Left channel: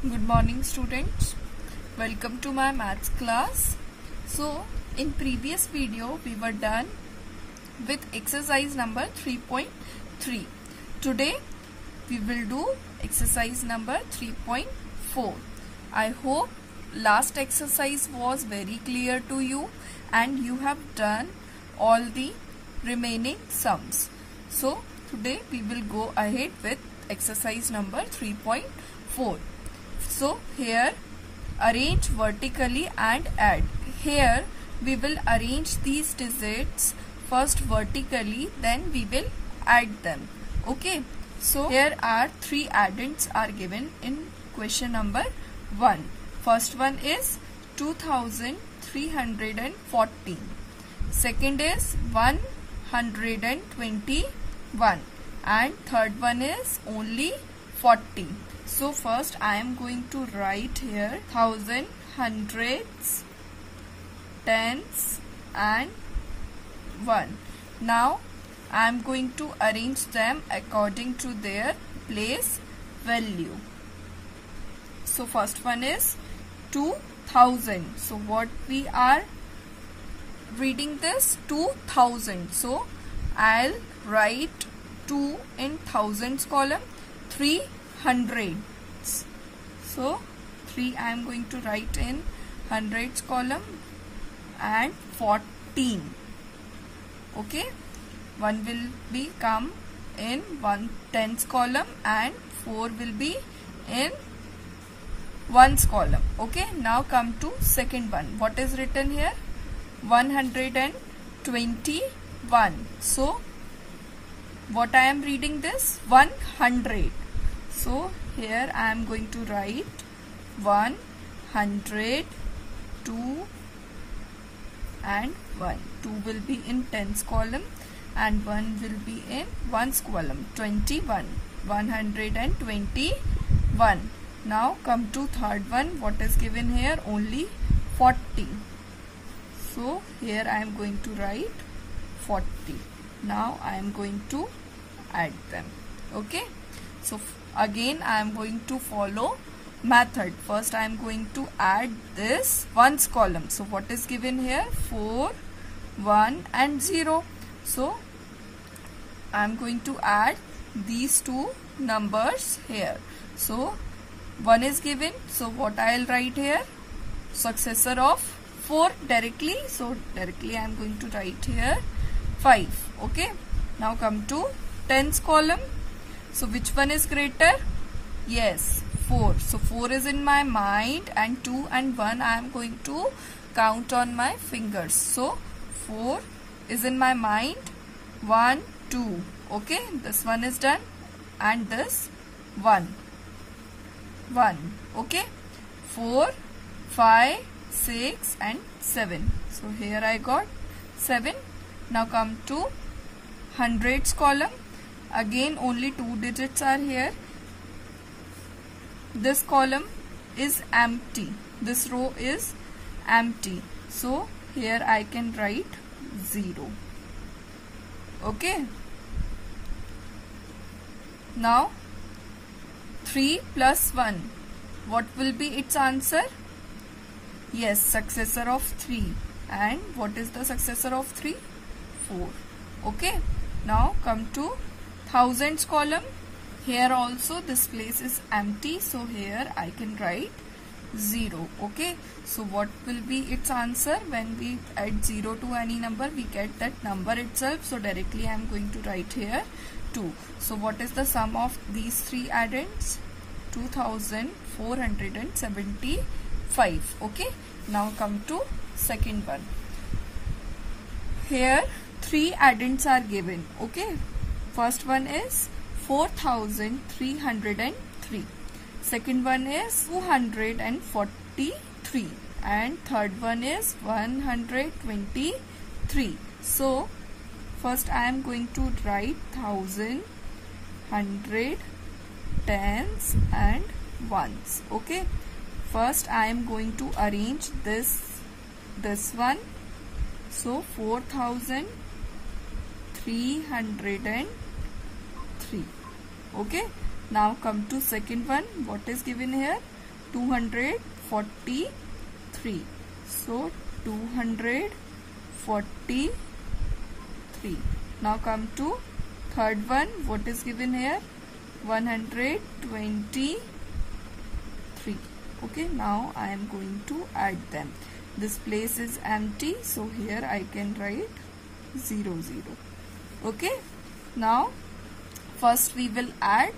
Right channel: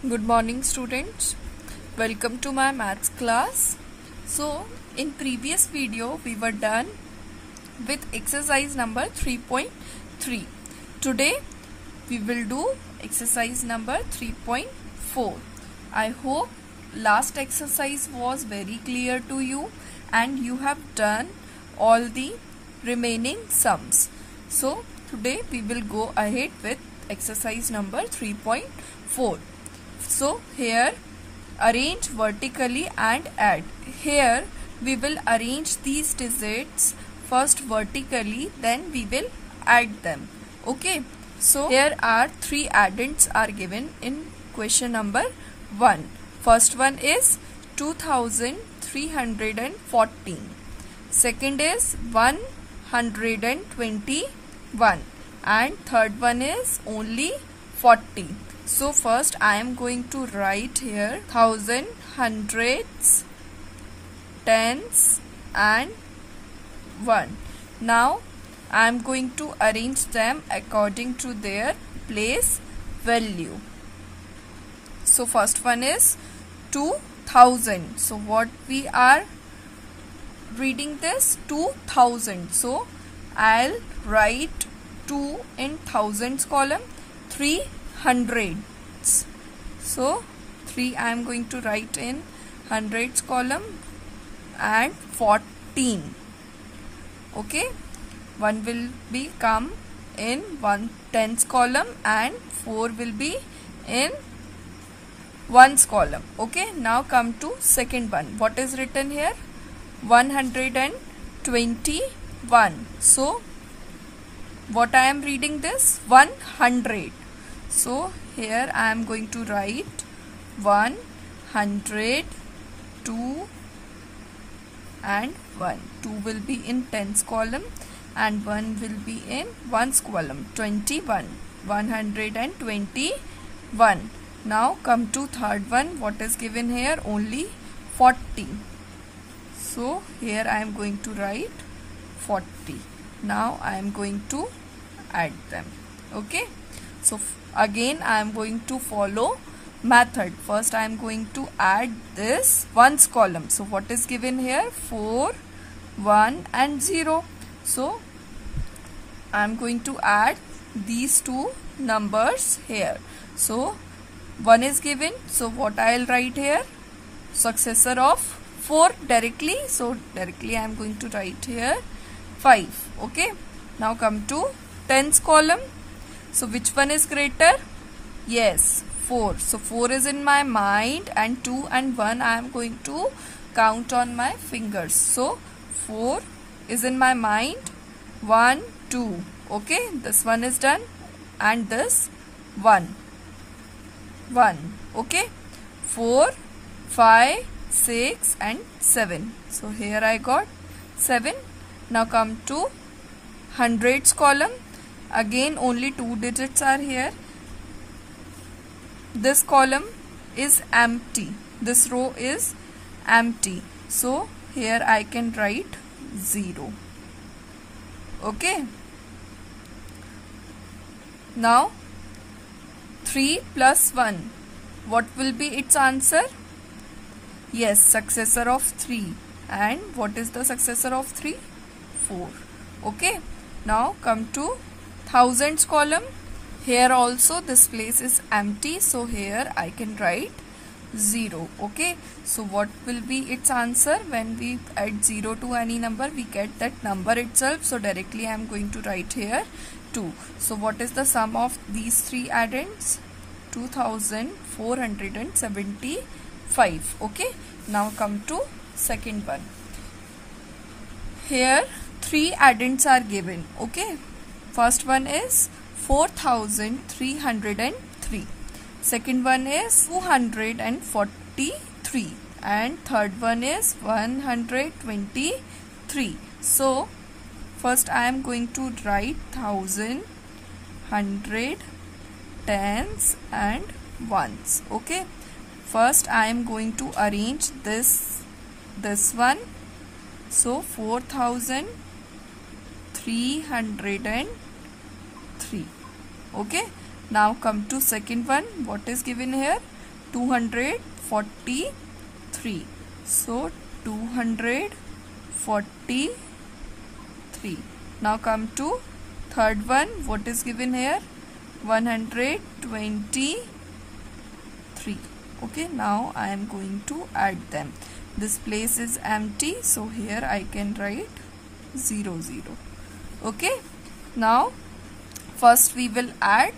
Good morning students. Welcome to my maths class. So in previous video we were done with exercise number 3.3. Today we will do exercise number 3.4. I hope last exercise was very clear to you and you have done all the remaining sums. So today we will go ahead with exercise number 3.4. So here arrange vertically and add. Here we will arrange these digits first vertically, then we will add them. Okay. So here are three addends are given in question number 1. First one is 2314. Second is 121 and third one is only 40. So first I am going to write here thousand, hundreds, tens and 1. Now I am going to arrange them according to their place value. So first one is 2000. So what we are reading this 2000. So I'll write 2 in thousands column, 3 hundreds. So 3 I am going to write in hundreds column and 14. Okay, 1 will be come in 1 tens column and 4 will be in ones column. Okay, now come to second one. What is written here? 121. So what I am reading this 100. So here I am going to write 100, 2 and 1. 2 will be in tens column and 1 will be in ones column. 21. 121. Now come to third one. What is given here? Only 40. So here I am going to write 40. Now I am going to add them. Okay. So again I am going to follow method. First I am going to add this ones column. So what is given here? 4, 1 and 0. So I am going to add these two numbers here. So 1 is given. So what I will write here? Successor of 4 directly. So directly I am going to write here 5. Okay. Now come to tens column. So which one is greater? Yes, 4. So 4 is in my mind and 2 and 1 I am going to count on my fingers. So 4 is in my mind. 1, 2. Okay, this one is done and this 1. 1. Okay, 4, 5, 6 and 7. So here I got 7. Now come to hundreds column. Again only 2 digits are here. This column is empty. This row is empty. So here I can write 0. Okay. Now 3 plus 1. What will be its answer? Yes, successor of 3. And what is the successor of 3? 4. Okay. Now come to thousands column. Here also this place is empty. So here I can write 0. Okay. So what will be its answer? When we add 0 to any number, we get that number itself. So directly I am going to write here 2. So what is the sum of these three addends? 2475. Okay. Now come to second one. Here 3 addends are given. Okay. First one is 4303. Second one is 243 and third one is 123. So first I am going to write thousand, hundred, tens and ones. Okay. First I am going to arrange this one. So 4303. Okay. Now come to second one. What is given here? 243. So 243. Now come to third one. What is given here? 123. Okay, now I am going to add them. This place is empty, so here I can write 0, 0. Okay, now first we will add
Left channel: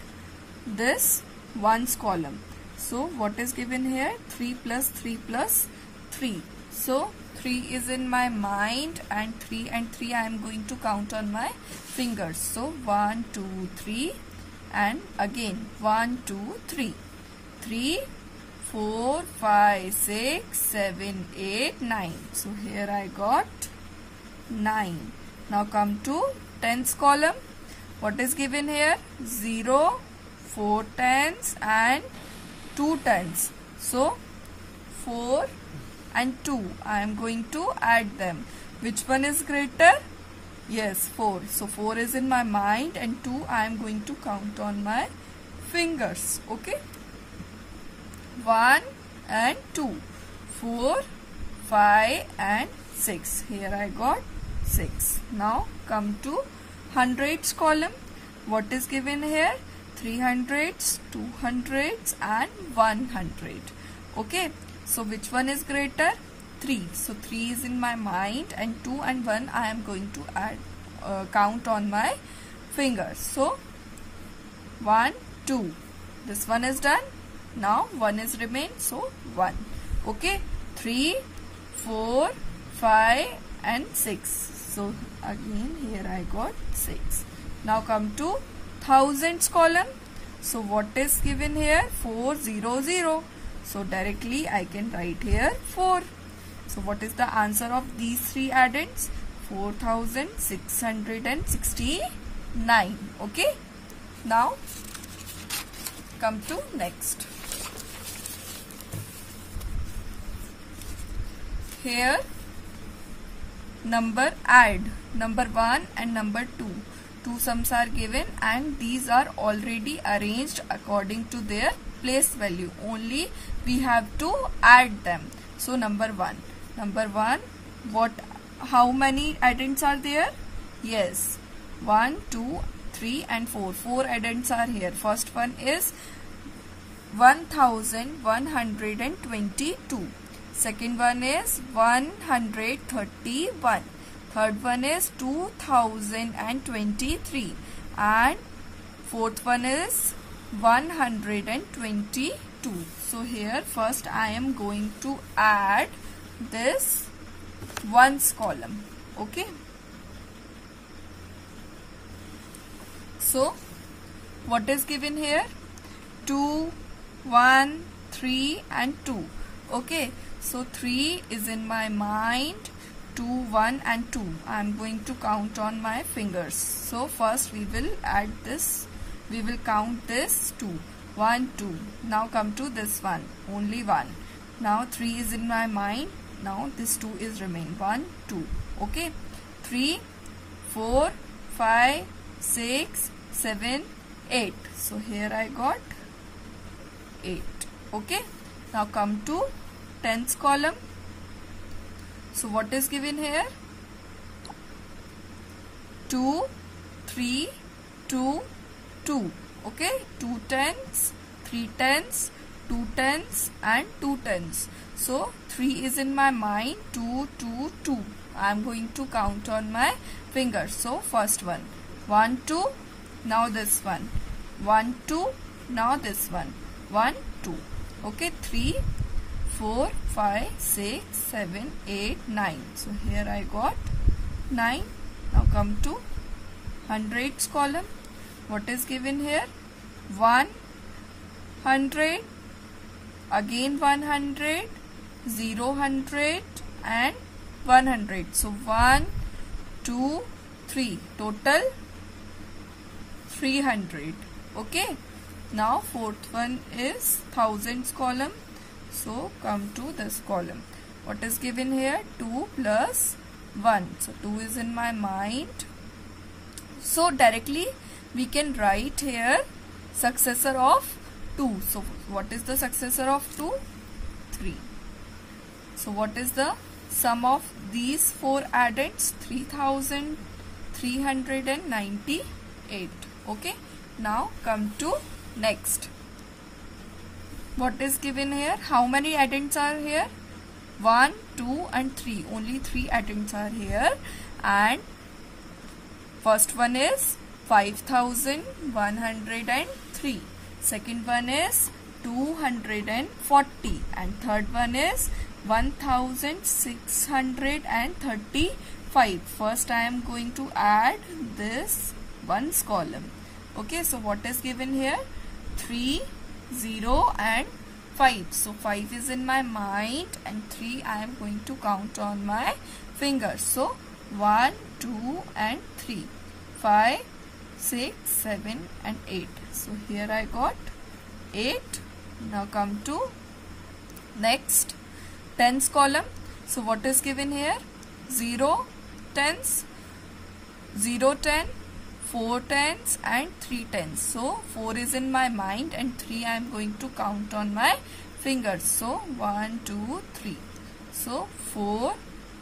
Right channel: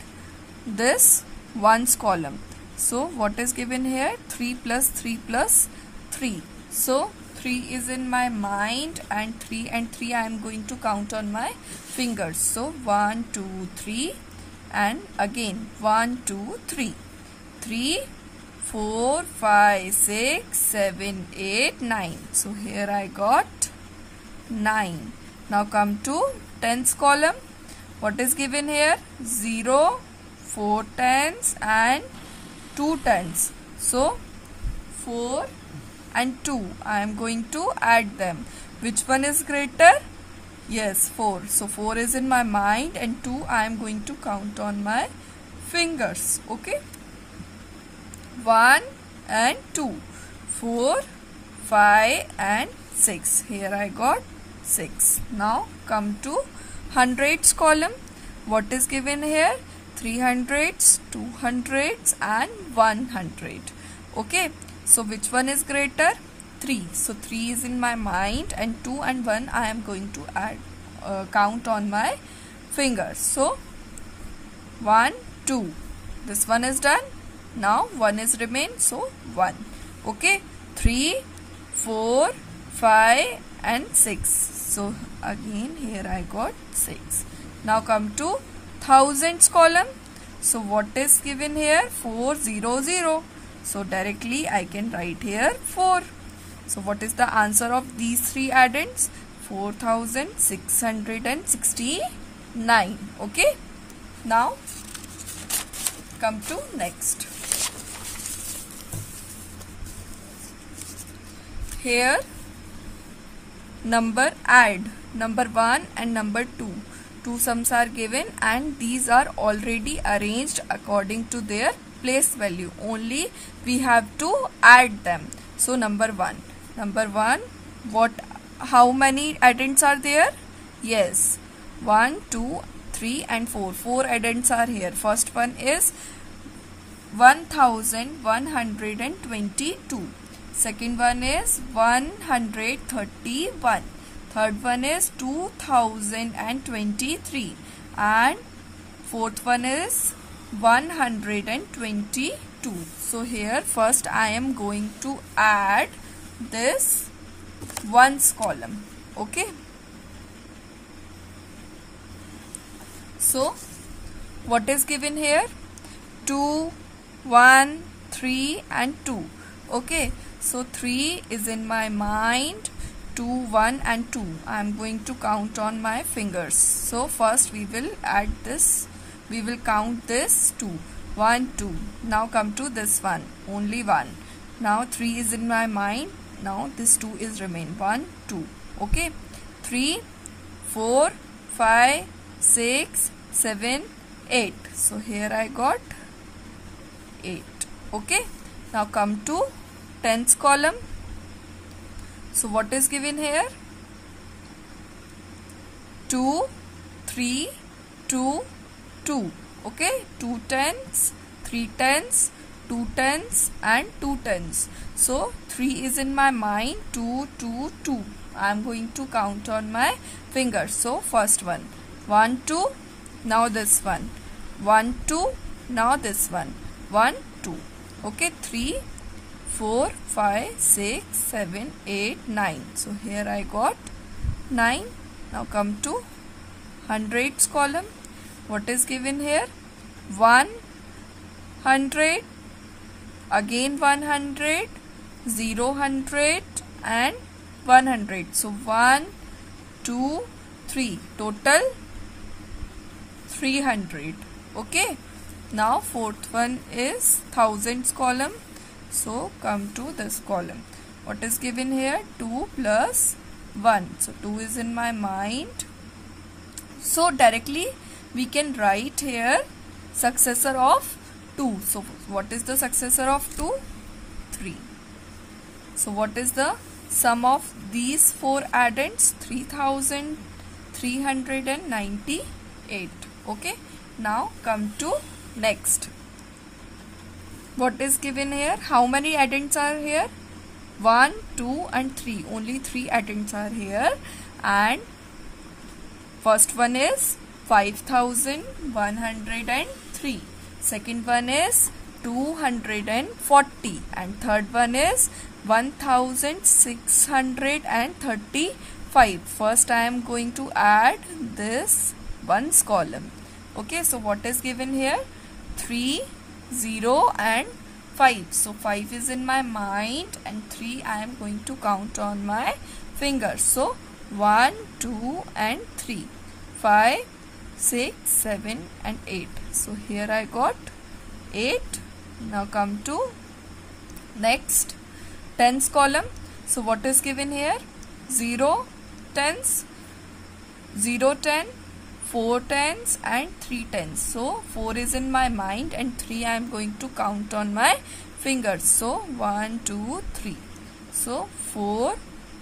this ones column. So what is given here? 3 plus 3 plus 3. So 3 is in my mind, and 3 I am going to count on my fingers. So 1, 2, 3, and again 1, 2, 3. 3, 4, 5, 6, 7, 8, 9. So here I got 9. Now come to tens column. What is given here? 0, 4 tens and 2 tens. So 4 and 2. I am going to add them. Which one is greater? Yes, 4. So 4 is in my mind, and 2 I am going to count on my fingers. Okay. 1 and 2. 4, 5 and 6. Here I got 6. Now come to hundreds column. What is given here? 300s, 200s and 100. Okay. So which one is greater? 3. So 3 is in my mind, and 2 and 1 I am going to add, count on my fingers. So 1, 2. This one is done. Now 1 is remained. So 1. Okay. 3, 4, 5 and 6. So again here I got 6. Now come to thousands column. So what is given here? 400. So directly I can write here 4. So what is the answer of these three addends? 4669. Okay. Now come to next. Here number add. Number 1 and number 2. Two sums are given, and these are already arranged according to their place value. Only we have to add them. So number 1. How many addends are there? Yes, 1, 2, 3 and 4. 4 addends are here. First one is 1122. Second one is 131. Third one is 2023. And fourth one is 122. So here first I am going to add this ones column. Okay. So what is given here? 2, 1, 3 and 2. Okay. So 3 is in my mind. 2, 1 and 2. I am going to count on my fingers. So first we will add this. We will count this 2. 1, 2. Now come to this one. Only 1. Now 3 is in my mind. Now this 2 is remain. 1, 2. Okay. 3, 4, 5, 6, 7, 8. So here I got 8. Okay. Now come to tens column. So what is given here? 2, 3, 2, 2. Okay. 2 tens, 3 tens, 2 tens and 2 tens. So 3 is in my mind. 2, 2, 2. I am going to count on my fingers. So first one. 1, 2. Now this one. 1, 2. Now this one. 1, 2. Okay. 3, 4, 5, 6, 7, 8, 9. So here I got 9. Now come to hundreds column. What is given here? 100, again 100, 0, 100 and 100. So 1, 2, 3. Total 300. Okay. Now fourth one is thousands column. So come to this column. What is given here? 2 plus 1. So 2 is in my mind. So directly we can write here successor of 2. So what is the successor of 2? 3. So what is the sum of these 4 addends? 3398. Okay. Now come to next. What is given here? How many addends are here? 1, 2 and 3. Only 3 addends are here. And first one is 5103. Second one is 240. And third one is 1635. First I am going to add this ones column. Okay, so what is given here? 3, 0 and 5. So 5 is in my mind and 3 I am going to count on my fingers. So 1, 2 and 3. 5, 6, 7 and 8. So here I got 8. Now come to next tens column. So what is given here? 0 tens, 0 10, 4 tens and 3 tens. So 4 is in my mind and 3 I am going to count on my fingers. So 1, 2, 3. So 4,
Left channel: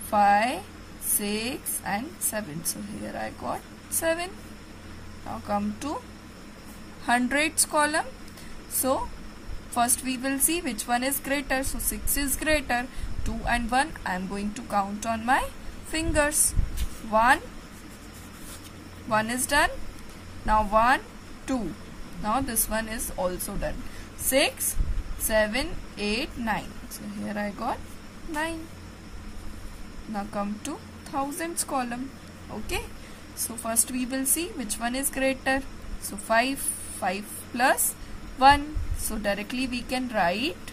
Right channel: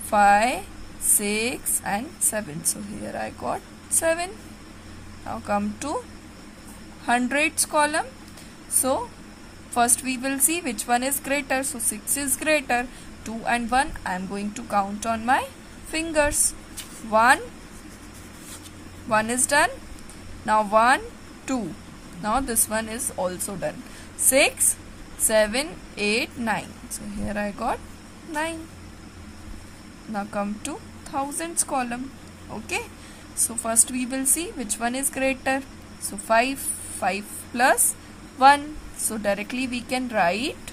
5, 6 and 7. So here I got 7. Now come to hundreds column. So first we will see which one is greater. So 6 is greater. 2 and 1 I am going to count on my fingers. 1 is done. Now 1, 2. Now this one is also done. 6, 7, 8, 9. So here I got 9. Now come to thousands column. Okay. So first we will see which one is greater. So 5 plus 1. So directly we can write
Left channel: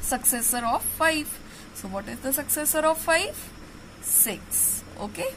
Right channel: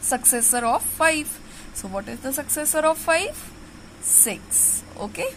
successor of 5. So what is the successor of 5? 6. Okay.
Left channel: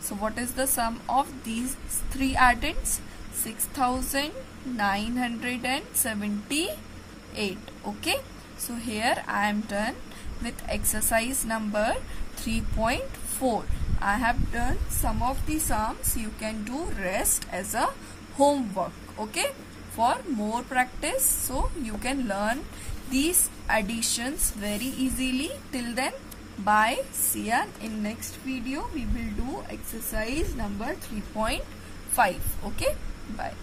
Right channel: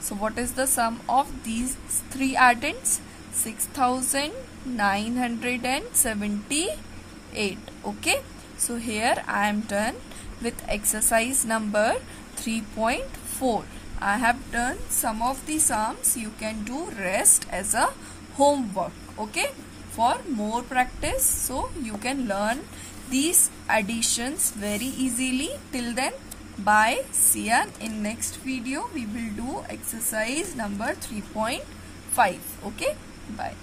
So what is the sum of these 3 addends? 6978. Okay. So here I am done with exercise number 3.4. I have done some of the sums. You can do rest as a homework. Okay. For more practice, so you can learn these additions very easily. Till then, bye. See ya in next video. We will do exercise number 3.5. Okay. Bye.